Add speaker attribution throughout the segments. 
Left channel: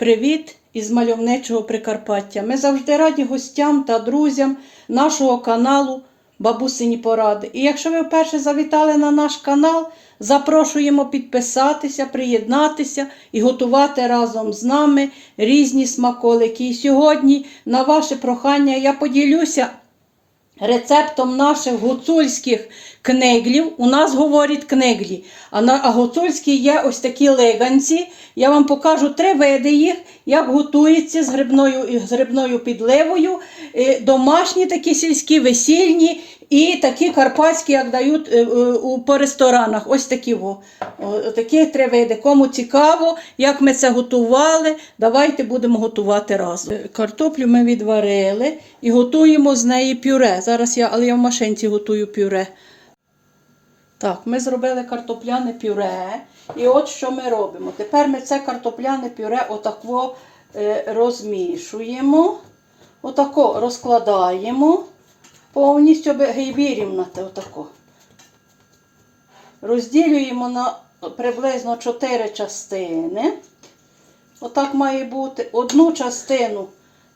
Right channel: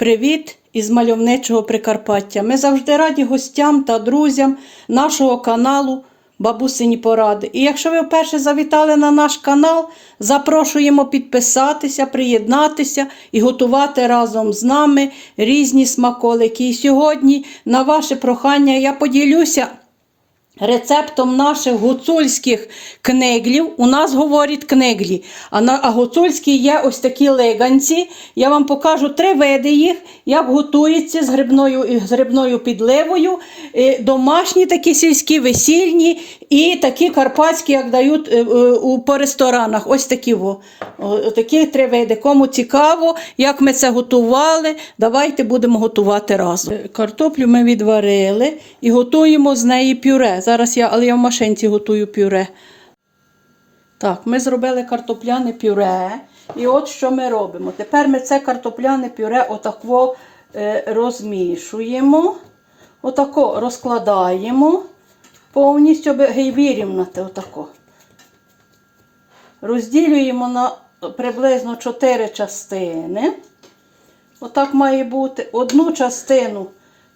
Speaker 1: Привіт із мальовничого Прикарпаття. Ми завжди раді гостям та друзям нашого каналу Бабусині Поради. І якщо ви вперше завітали на наш канал, запрошуємо підписатися, приєднатися і готувати разом з нами різні смаколики. І сьогодні, на ваше прохання, я поділюся Рецептом наших гуцульських книглів у нас говорять книглі. А на а є ось такі лиганці. Я вам покажу три види їх, як готується з грибною, з грибною підливою. Е, Домашні такі сільські, весільні і такі карпатські, як дають е, е, по ресторанах. Ось такі. Во. Такі три види. Кому цікаво, як ми це готували, давайте будемо готувати разом. Картоплю ми відварили і готуємо з неї пюре. Зараз я, але я в машинці готую пюре. Так, ми зробили картопляне пюре. І от що ми робимо. Тепер ми це картопляне пюре отако е, розмішуємо, отако розкладаємо повністю аби вирівняти отако. Розділюємо на приблизно 4 частини. Отак має бути. Одну частину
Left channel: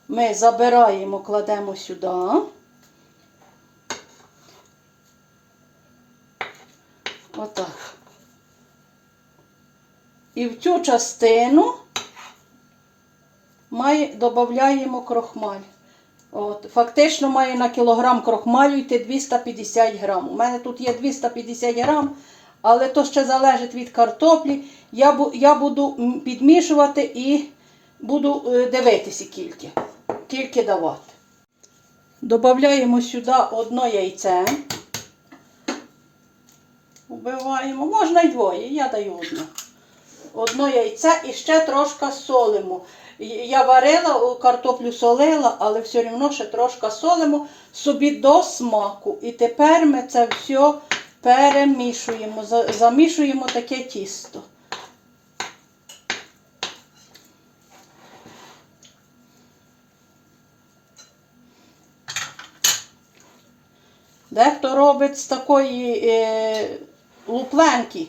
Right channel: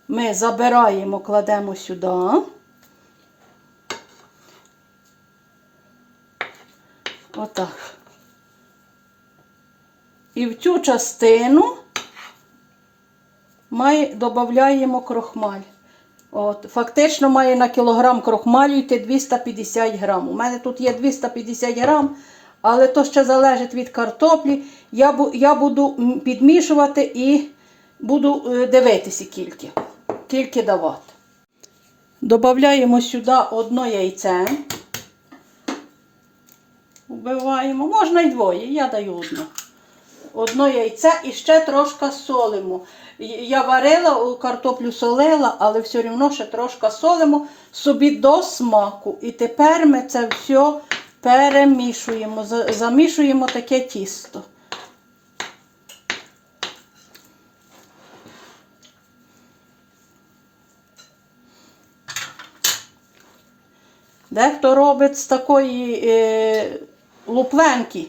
Speaker 1: ми забираємо, кладемо сюди. Отак. І в цю частину ми додаємо крохмаль. От, фактично має на кілограм крохмалю йти 250 грам. У мене тут є 250 грам, але то ще залежить від картоплі. Я, бу- я буду підмішувати і буду е, дивитися кільки. Кільки давати. Додаємо сюди одно яйце. Убиваємо. Можна й двоє, я даю одне. Одно яйце і ще трошки солимо. Я варила, картоплю солила, але все одно ще трошки солимо собі до смаку. І тепер ми це все перемішуємо, замішуємо таке тісто. Дехто робить з такої лупленки.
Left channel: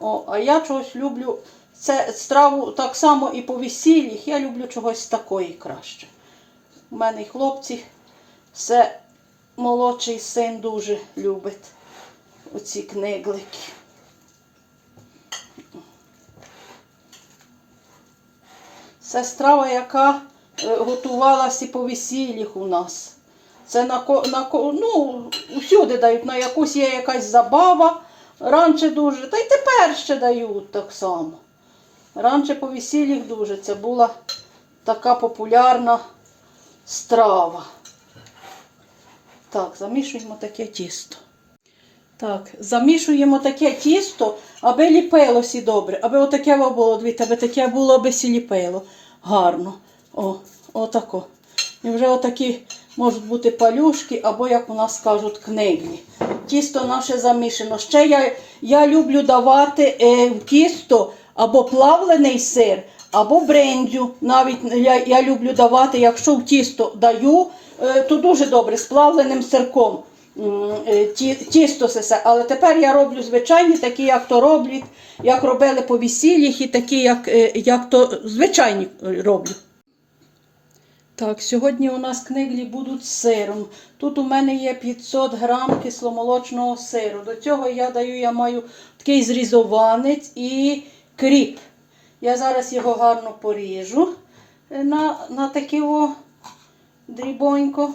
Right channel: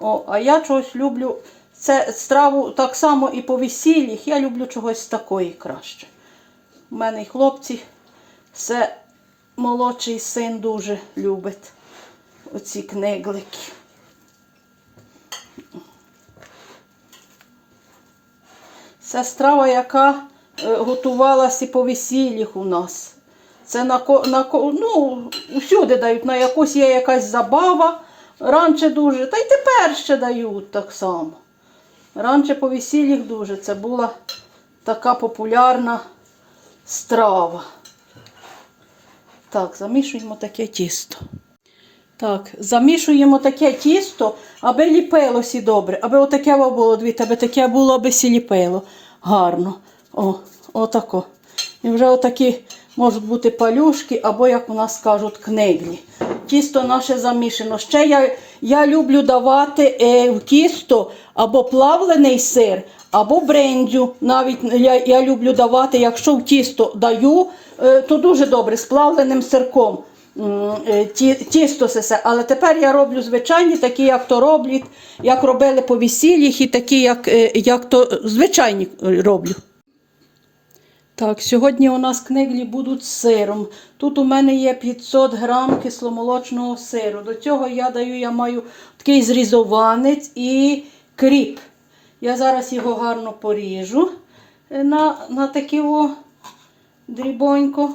Speaker 1: О, а я чогось люблю це страву так само і по весіллях. Я люблю чогось такої краще. У мене і хлопці, все молодший син дуже любить оці книглики. Це страва, яка е, готувалася по весіллях у нас. Це на, на ну, усюди дають, на якусь є якась забава. Раніше дуже, та й тепер ще дають так само. Раніше по весіллях дуже. Це була така популярна страва. Так, замішуємо таке тісто. Так, замішуємо таке тісто, аби ліпилося добре, аби отаке було, дивіться, аби таке було, аби сі ліпило. Гарно. О, отако. І вже отакі можуть бути палюшки, або, як у нас кажуть, книглі. Тісто наше замішано. Ще я, я люблю давати е, в тісто або плавлений сир, або брендю. Навіть я, я люблю давати, якщо в тісто даю, е, то дуже добре з плавленим сирком. Е, ті- Тісто сесе, але тепер я роблю звичайні, такі, як то роблять, як робили по весіллях, і такі, як, е, як то звичайні роблю. Так, сьогодні у нас книглі будуть з сиром. Тут у мене є 500 грам кисломолочного сиру. До цього я даю, я маю такий зрізованець і кріп. Я зараз його гарно поріжу е, на, на такі дрібонько.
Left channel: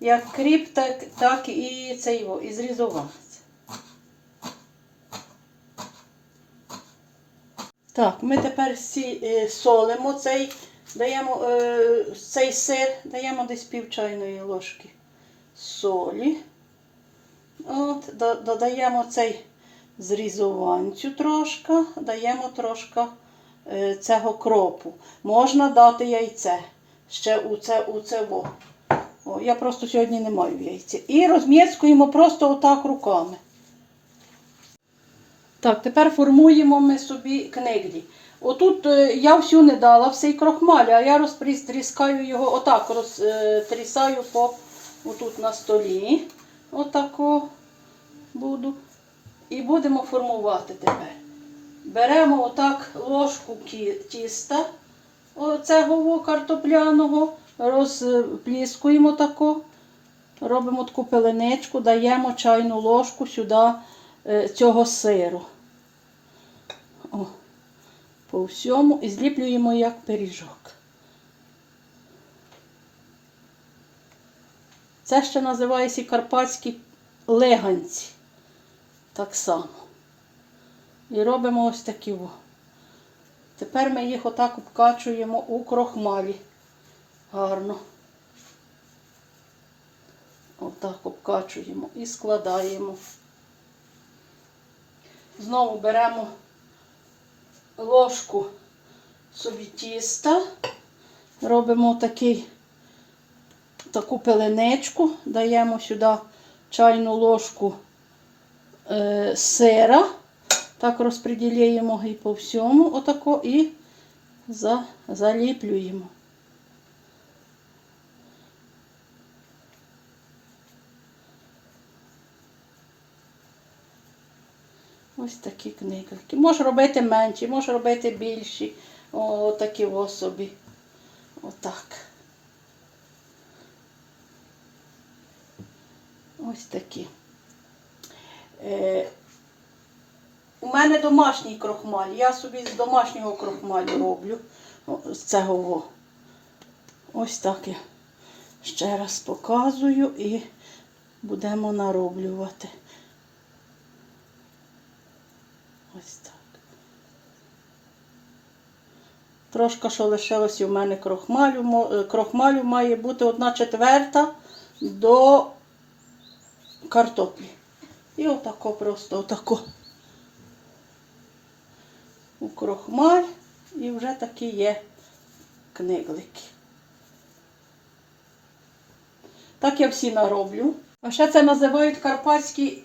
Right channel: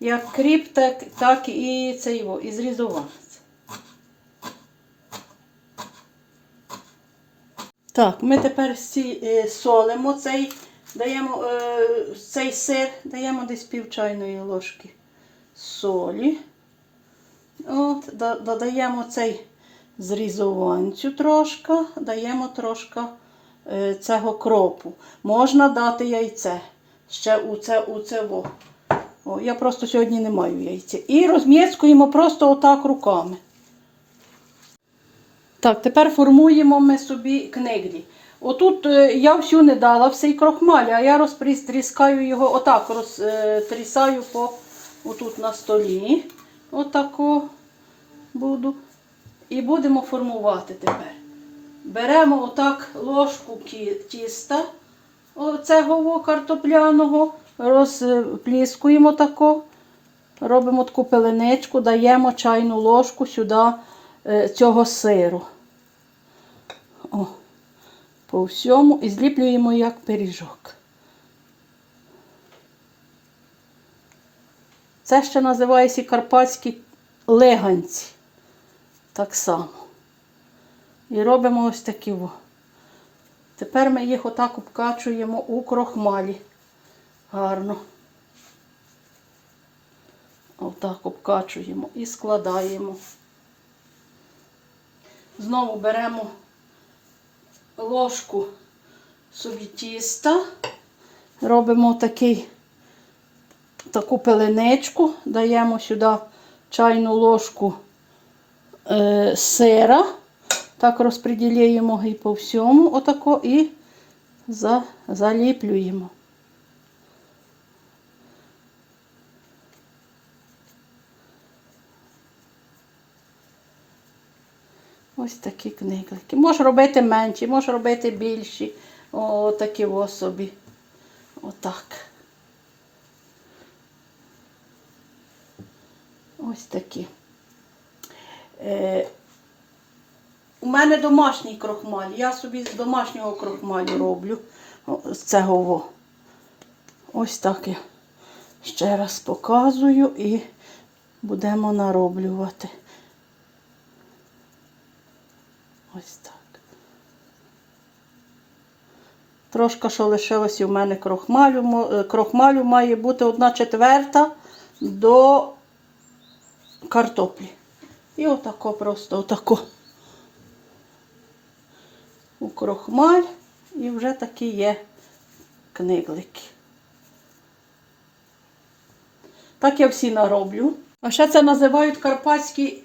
Speaker 1: Як кріп, так, так і цей о, і зрізованець. Так, ми тепер сі, е, солимо цей, даємо е, цей сир, даємо десь пів чайної ложки солі. От, додаємо цей зрізованцю трошки, даємо трошки е, цього кропу. Можна дати яйце. Ще у це, у це во. О, я просто сьогодні не маю яйця. І розм'єцькуємо просто отак руками. Так, тепер формуємо ми собі книглі. Отут е, я всю не дала всей крохмаль, а я розтріскаю його отак, розтрісаю по отут на столі. Отако буду. І будемо формувати тепер. беремо отак ложку тіста оцього картопляного, розпліскуємо тако, робимо таку пеленичку, даємо чайну ложку сюди е, цього сиру. По всьому і зліплюємо як пиріжок. Це ще називається карпатські леганці. Так само. І робимо ось такі. Тепер ми їх отак обкачуємо у крохмалі. Гарно. Отак обкачуємо і складаємо. Знову беремо ложку собі тіста, робимо такий, таку пеленечку, даємо сюди чайну ложку е, сира. Так розподіляємо і по всьому, отако, і за, заліплюємо. Ось такі книги. Можеш робити менші, можеш робити більші. О, такі особі. Отак. Ось такі. Е, у мене домашній крохмаль. Я собі з домашнього крохмалю роблю. З цього. Ось так ще раз показую і будемо нароблювати. Ось так. Трошки, що лишилося у мене крохмалю. Е, Крохмалю має бути одна четверта до картоплі. І отако просто отако. У крохмаль і вже такі є книглики. Так я всі нароблю. А ще це називають карпатські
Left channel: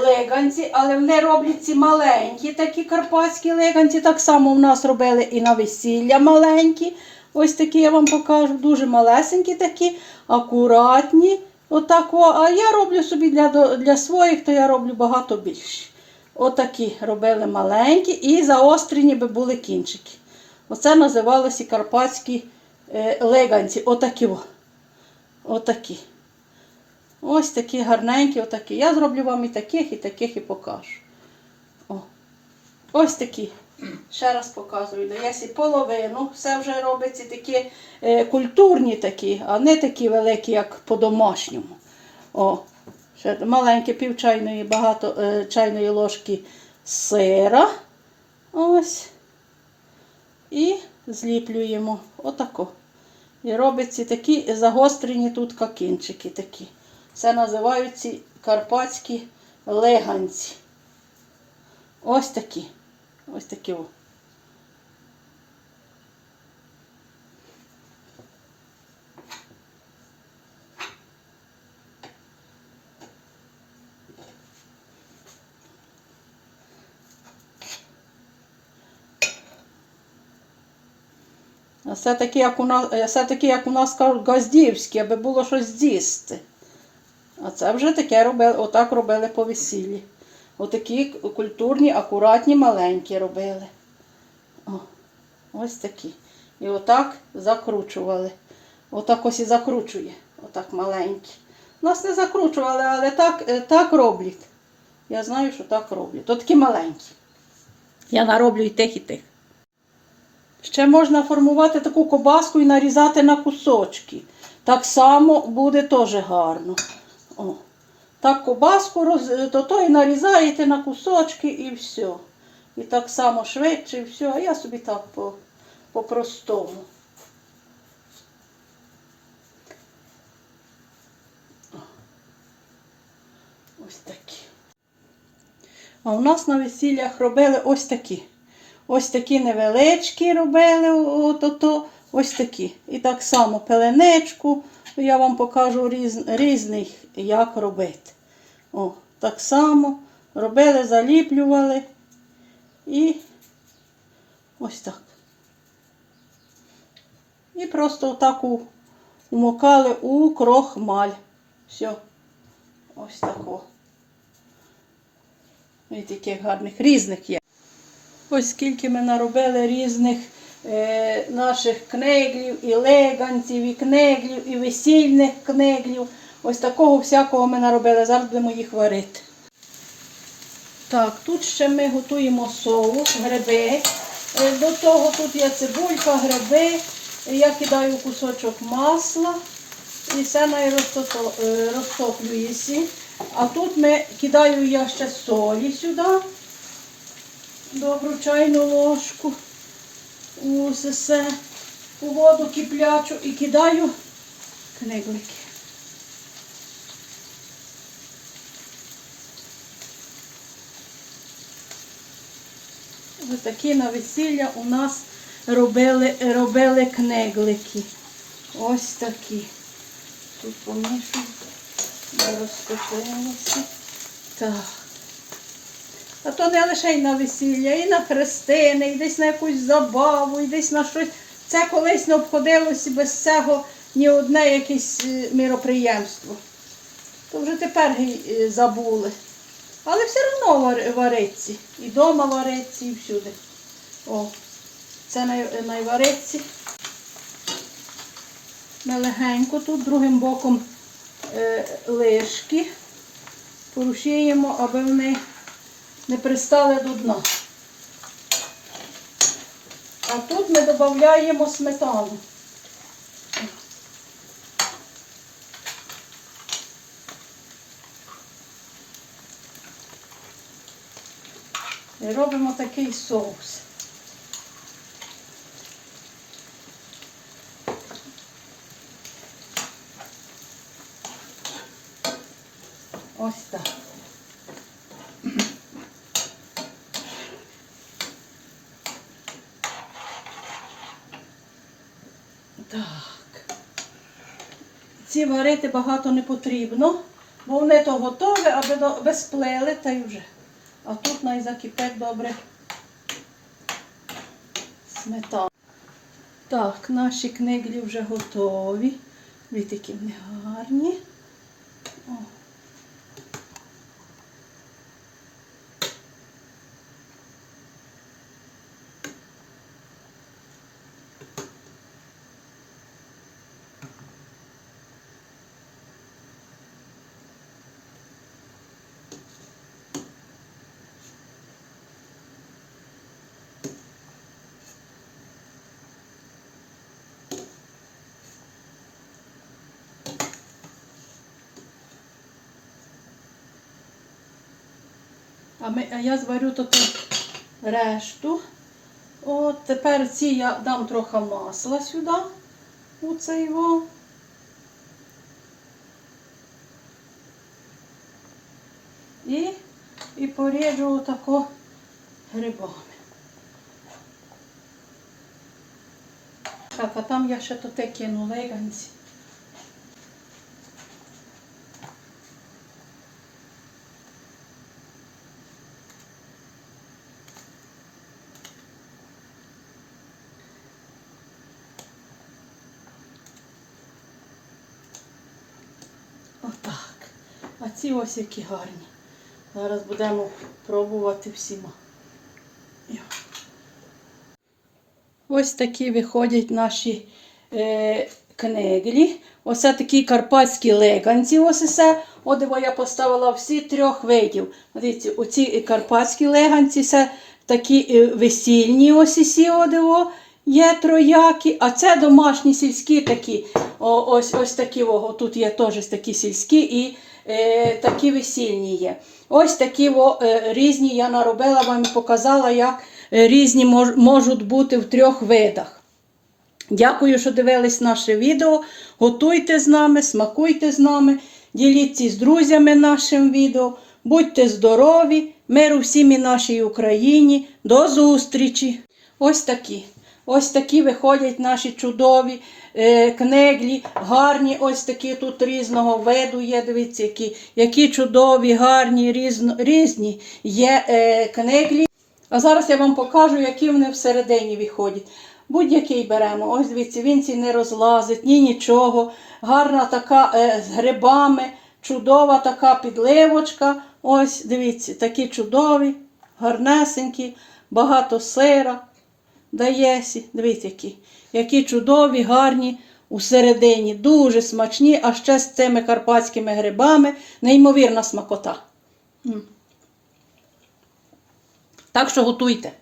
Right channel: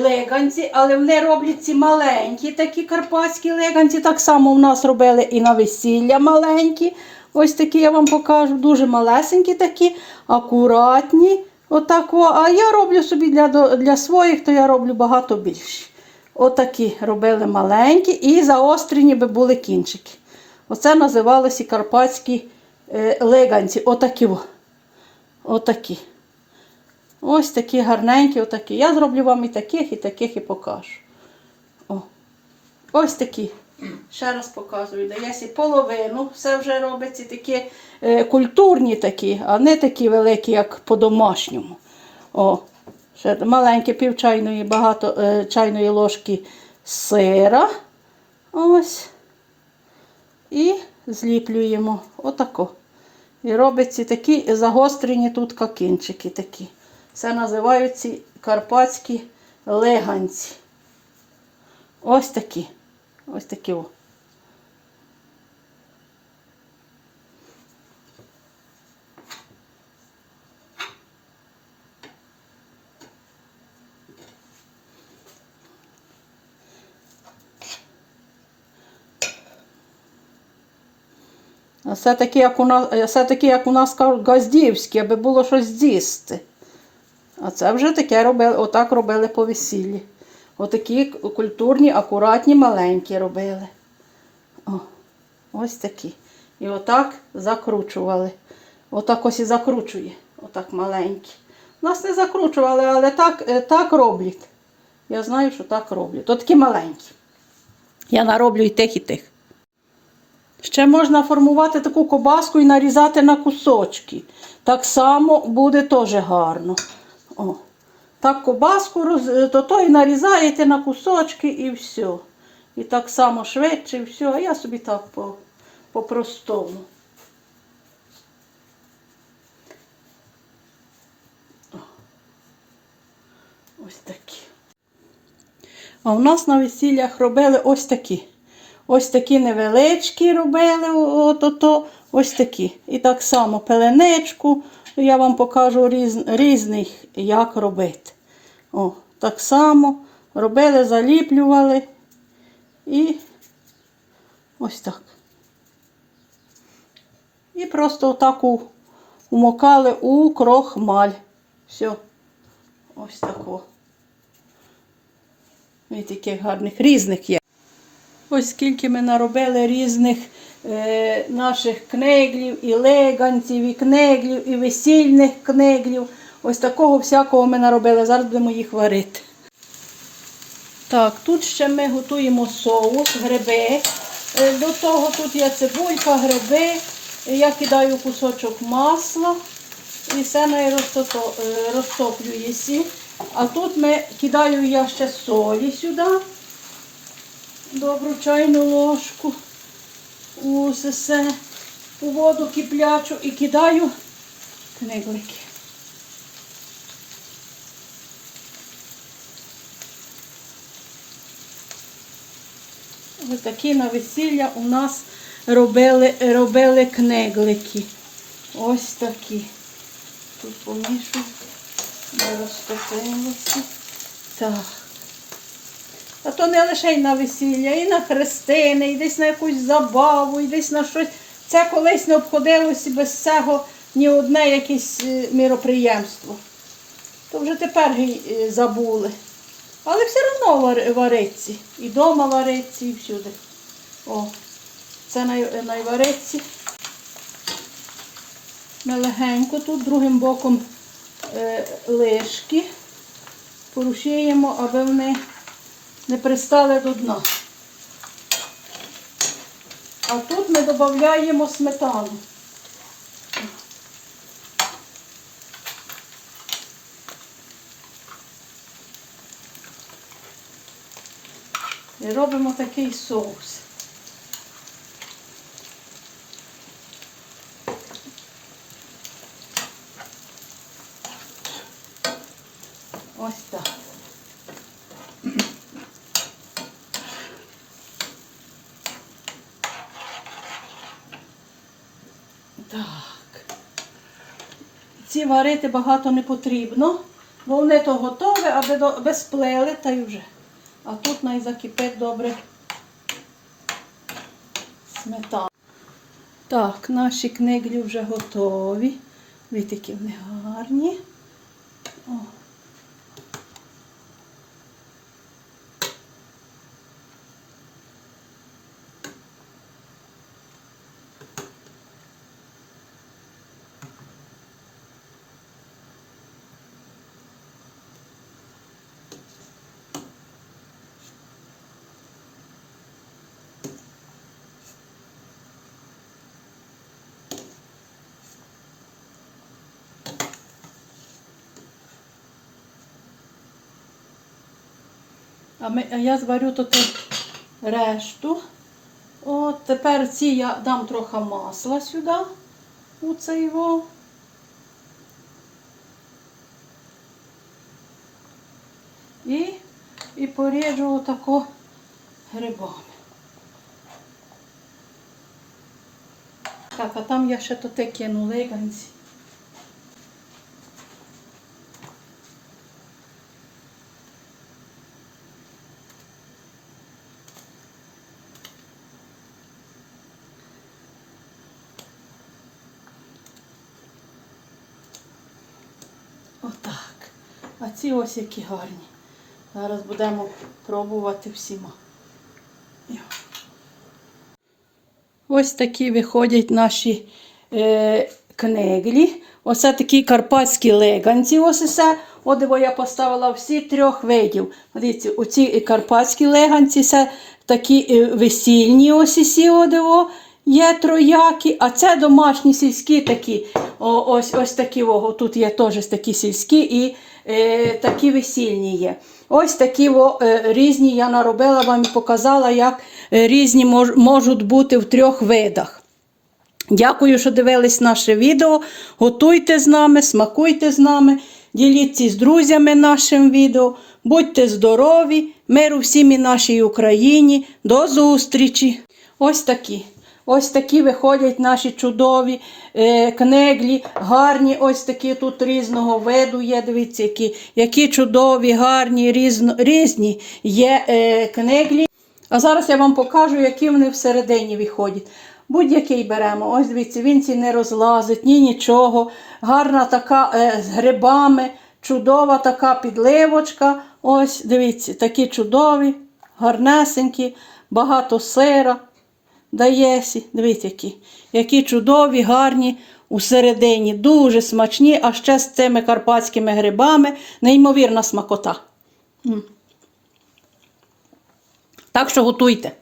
Speaker 1: леганці, але вони роблять ці маленькі такі карпатські леганці. Так само в нас робили і на весілля маленькі. Ось такі я вам покажу. Дуже малесенькі такі, акуратні. Отак, а я роблю собі для, для своїх, то я роблю багато більше. Отакі робили маленькі і заострені би були кінчики. Оце називалося карпатські е, леганці. Отакі. Отакі. Ось такі гарненькі, отакі. Я зроблю вам і таких, і таких, і покажу. О. Ось такі. Ще раз показую. Дається половину, все вже робиться такі е, культурні такі, а не такі великі, як по-домашньому. О, ще маленьке пів чайної, багато е, чайної ложки сира. Ось. І зліплюємо отако. І робиться такі загострені тут кінчики такі. Це називаються карпатські леганці. Ось такі. Ось такі. о. Все таке, як у нас, е, все таке, як у нас кажуть, газдівське, аби було щось з'їсти. А це вже таке робили, отак робили по весіллі. Отакі культурні, акуратні, маленькі робили. О, ось такі. І отак закручували. Отак ось і закручує. Отак маленькі. Нас не закручували, але так, е, так роблять. Я знаю, що так роблять. То такі маленькі. Я нароблю і тих, і тих. Ще можна формувати таку кобаску і нарізати на кусочки. Так само буде теж гарно. О. Так кобаску роз... то, то і нарізаєте на кусочки і все. І так само швидше, і все. А я собі так по, по-простому. Ось такі. А у нас на весіллях робили ось такі. Ось такі невеличкі робили, от, ото, ось такі. І так само пеленичку. Я вам покажу різ, різних, як робити. О, так само робили, заліплювали і ось так. І просто отак у- умокали у крохмаль. Все. Ось тако. І таких гарних різних є. Ось скільки ми наробили різних наших кнеглів, і леганців, і кнеглів, і весільних кнеглів. Ось такого всякого ми наробили. Зараз будемо їх варити. Так, тут ще ми готуємо соус, гриби. Е, До того тут є цибулька, гриби. Я кидаю кусочок масла і все е, розтоплюється. А тут ми кидаю я ще солі сюди, добру чайну ложку, усе все, у воду киплячу і кидаю книглики. Ось такі на весілля у нас робили, робили книглики. Ось такі. Тут помішую, не розтопилося. Так. А то не лише й на весілля, і на хрестини, і десь на якусь забаву, і десь на щось. Це колись не обходилося без цього ні одне якесь е, міроприємство. То вже тепер е, забули. Але все одно вар- вариться. І вдома вариться, і всюди. О, це най, найвариться. Ми легенько тут другим боком е, лишки порушуємо, аби вони не пристали до дна. А тут ми додаємо сметану. І робимо такий соус. Ось так. Так. Ці варити багато не потрібно, бо вони то готові, аби аби сплели та й вже. А тут най закипить добре сметана. Так, наші книглі вже готові. Які вони гарні. А, ми, я зварю тут решту. От тепер ці я дам трохи масла сюди. У цей його. І, і поріжу отако грибами. Так, а там я ще то те кину леганці. Отак. А ці ось які гарні. Зараз будемо пробувати всіма. Ось такі виходять наші е, кнеглі. Оце такі карпатські леганці. Ось все. От я поставила всі трьох видів. Дивіться, оці карпатські леганці, це такі е, весільні ось усі одиво. Є троякі, а це домашні сільські такі. О, ось ось такі о, тут є теж такі сільські і е, такі весільні є. Ось такі о, е, різні я наробила вам і показала, як е, різні мож, можуть бути в трьох видах. Дякую, що дивились наше відео. Готуйте з нами, смакуйте з нами, діліться з друзями нашим відео. Будьте здорові, миру всім і нашій Україні. До зустрічі! Ось такі. Ось такі виходять наші чудові е, кнеглі, гарні, ось такі тут різного виду є. Дивіться, які, які чудові, гарні, різно, різні є е, кнеглі. А зараз я вам покажу, які вони всередині виходять. Будь-який беремо. Ось дивіться, він ці не розлазить, ні нічого. Гарна така е, з грибами, чудова така підливочка. Ось, дивіться, такі чудові, гарнесенькі. багато сира дає. Дивіться, які, які чудові, гарні усередині, дуже смачні, а ще з цими карпатськими грибами. Неймовірна смакота. Так що готуйте.